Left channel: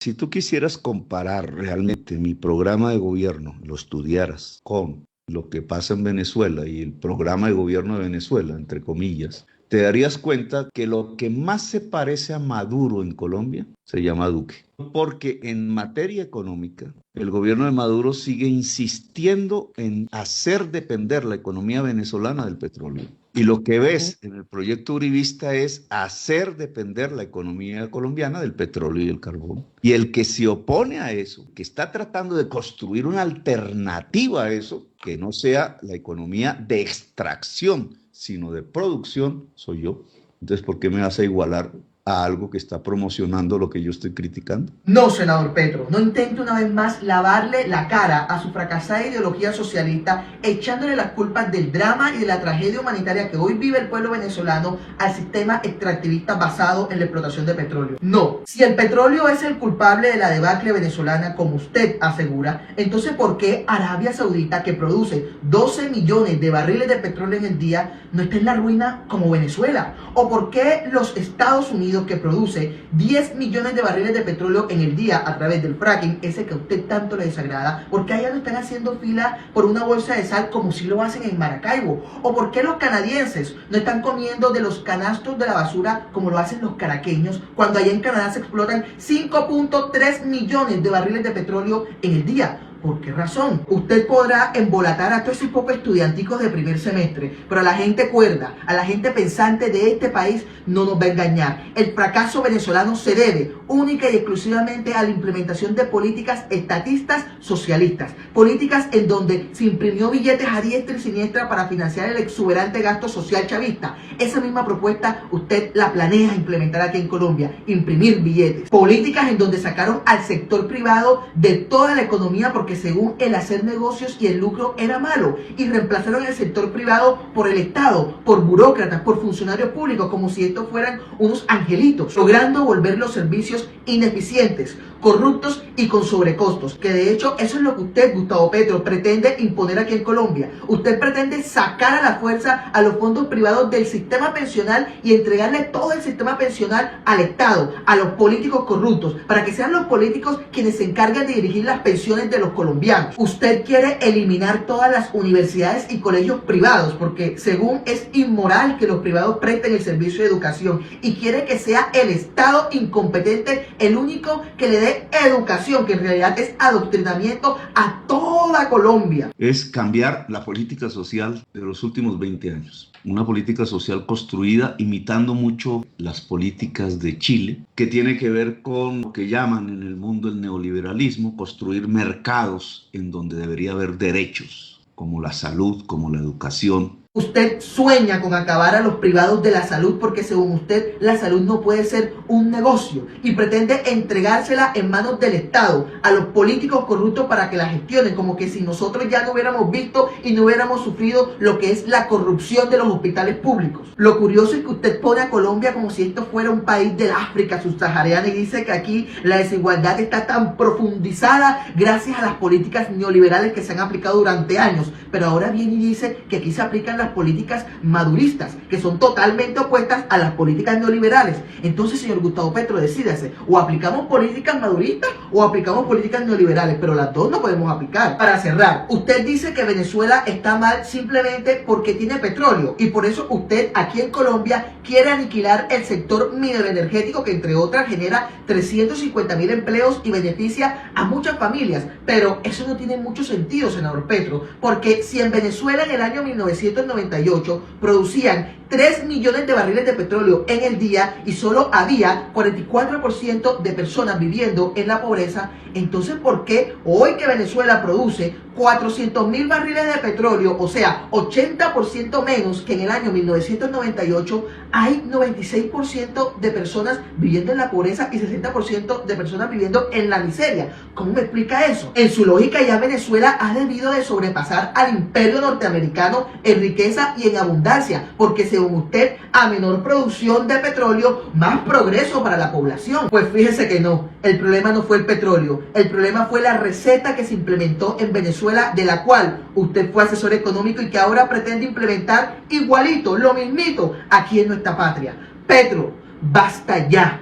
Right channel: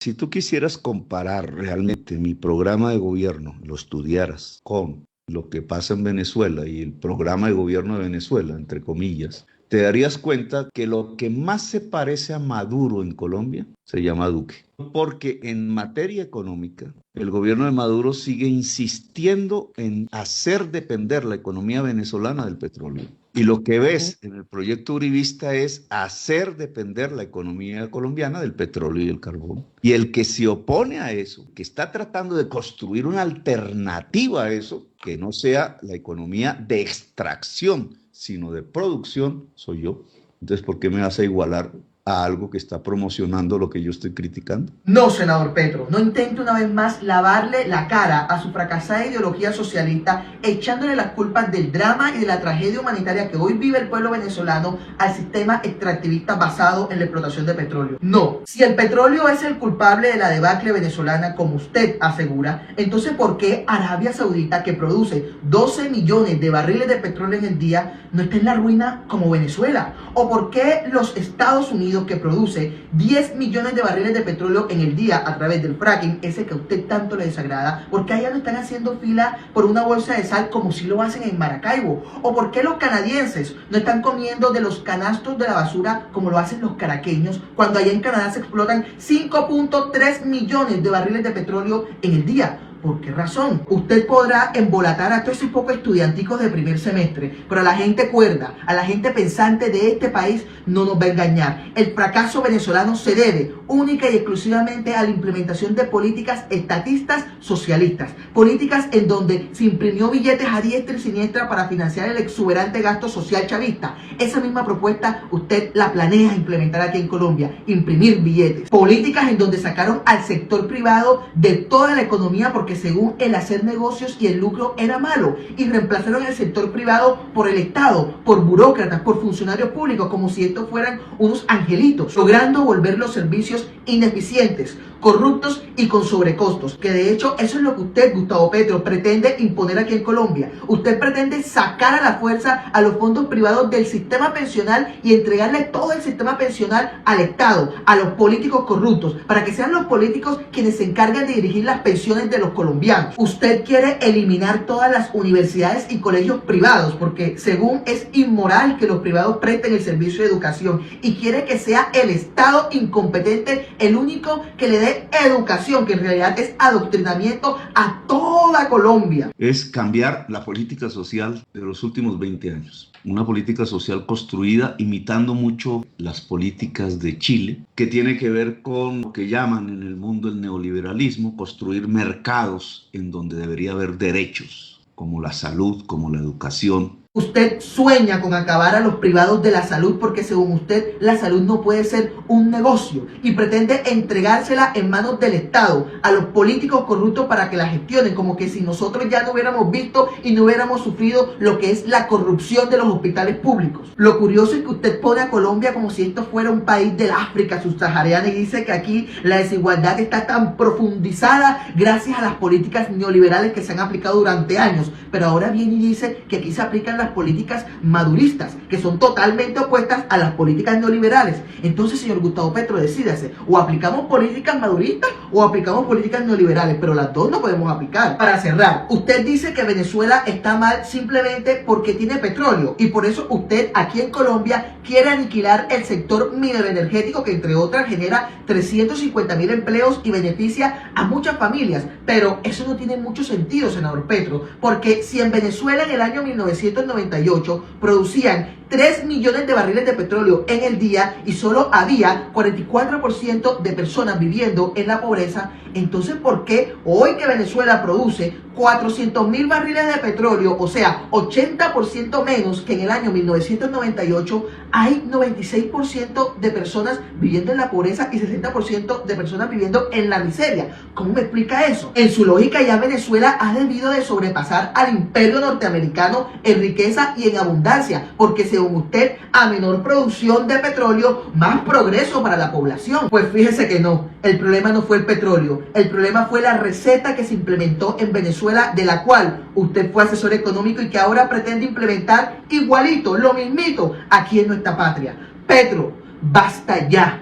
Si tú quisieras comparar realmente mi programa de gobierno, lo estudiaras con lo que pasa en Venezuela y el programa de gobierno de Venezuela, entre comillas, te darías cuenta que lo que más se parece a Maduro en Colombia se llama Duque. Porque en materia económica, el gobierno de Maduro sigue insistiendo en hacer depender la economía venezolana del petróleo. Y lo que ves en el proyecto uribista es hacer depender la economía colombiana del petróleo y el carbón. Y el que se opone a eso, que está tratando de construir una alternativa a eso, que no sea la economía de extracción, sino de producción, soy yo. Entonces, ¿por qué me vas a igualar a algo que está promocionando lo que yo estoy criticando? No, senador Petro, no intente una vez más lavarle la cara a su fracasada ideología socialista, echándole las culpas del drama y de la tragedia humanitaria que hoy vive el pueblo venezolano al sistema extractivista basado en la explotación de petróleo. No, si el petróleo es el culpable de la debacle venezolana, como usted asegura, entonces ¿por qué Arabia Saudita, que produce 12 millones de barriles de petróleo en el día, no está en la ruina como Venezuela? ¿O por qué los Estados Unidos, que produce 10 millones de barriles de petróleo en el día a través del fracking, ese que a usted tanto le desagrada, por qué allá no están haciendo fila por una bolsa de sal como si lo hacen en Maracaibo? ¿O por qué los canadienses no están comiendo de los canastos de la basura como lo hacen los caraqueños, cuando allá en Canadá se explotan 5.3 millones de barriles de petróleo en el día? ¿Por qué razón? Usted podrá embolatar a todos esos pocos estudianticos de primer semestre, pero a la gente cuerda, a la gente pensante de este país no nos va a engañar. El fracaso venezolano se debe única y exclusivamente a la implementación de políticas estatistas socialistas, políticas en donde se imprimió billetes a diestra y siniestra para financiar el exuberante gasto social chavista. Esa misma propuesta usted la planea implementar aquí en Colombia, imprimir billetes. Políticas en donde sacaron al sector privado de toda la economía porque según el hacer negocios y el lucro era malo, y reemplazaron el sector privado por el Estado, por burócratas, por funcionarios públicos, como si estos fueran unos angelitos, logrando volver los servicios ineficientes, corruptos y con sobrecostos, que de hecho eso es lo que usted, Gustavo Petro, pretende imponer aquí en Colombia. Usted pretende sacar a la fuerza a los fondos privados del sistema pensional y entregarle todo el sistema pensional al Estado, a los políticos corruptos, para que sean los políticos quienes se encarguen de dirigir las pensiones de los colombianos. Usted quiere eliminar todas las universidades y colegios privados, porque según es inmoral que los privados presten el servicio de educación, y quiere que sea el Estado incompetente el único que le dé educación, que en realidad es adoctrinamiento a toda Colombia. Es cambiar la política social de los últimos 20 años. Una política social construida imitando mucho las políticas de Chile, que tiene que ver con lo que llaman en el mundo el neoliberalismo, construir mercados en donde debería haber derechos, como la salud, como la educación. Usted sueña con acabar a los privados de la salud porque según usted la salud no puede ser un negocio y pretende entregársela en manos del Estado a los políticos corruptos para que la gestionen, como que si nosotros ya no hubiéramos visto y no hubiéramos sufrido lo que es la corrupción de los hospitales públicos. Lo curioso es que usted pone a Colombia como si esto fuera un país del África subsahariana y dice que aquí la desigualdad está tan profundizada gracias a las políticas neoliberales que se han aplicado durante años, pero ahora viene y dice que aquí se aplican las políticas maduristas, que son totalmente opuestas a las políticas neoliberales. Entonces, señor Gustavo Petro, decídase, o aplicamos políticas maduristas o aplicamos políticas neoliberales, pero las dos no podemos aplicar. Para cerrar, usted dice que Venezuela está mal simplemente porque tiene petróleo, y por eso usted aquí en Colombia quiere aniquilar el sector mineroenergético, que entre otras genera 350.000 empleos y beneficia a muchas familias. Pero eso no tiene mucho sentido, senador Petro, porque si en Venezuela en el año 1998 producían 3 millones de barriles de petróleo en el día y solo había 44% de personas viviendo en la pobreza, entonces ¿por qué hoy que Venezuela produce 400.000 barriles de petróleo, o sea, 80% menos que en el año 1998, hay 96% de personas viviendo en la pobreza y 60% de personas viviendo en la miseria? ¿Cómo me explica eso? En su lógica ya Venezuela ha debido de sobrepasar al imperio norteamericano en riqueza y en abundancia, porque según usted, a menor producción de petróleo, más progreso para la población. Pues fíjese que no, el problema no fue el petróleo, el problema fue la receta que se implementó en Venezuela, de la cual usted fue asesor económico y que ahora pretende implementar igualito, lo mismito, aquí en nuestra patria. Petro, basta ya.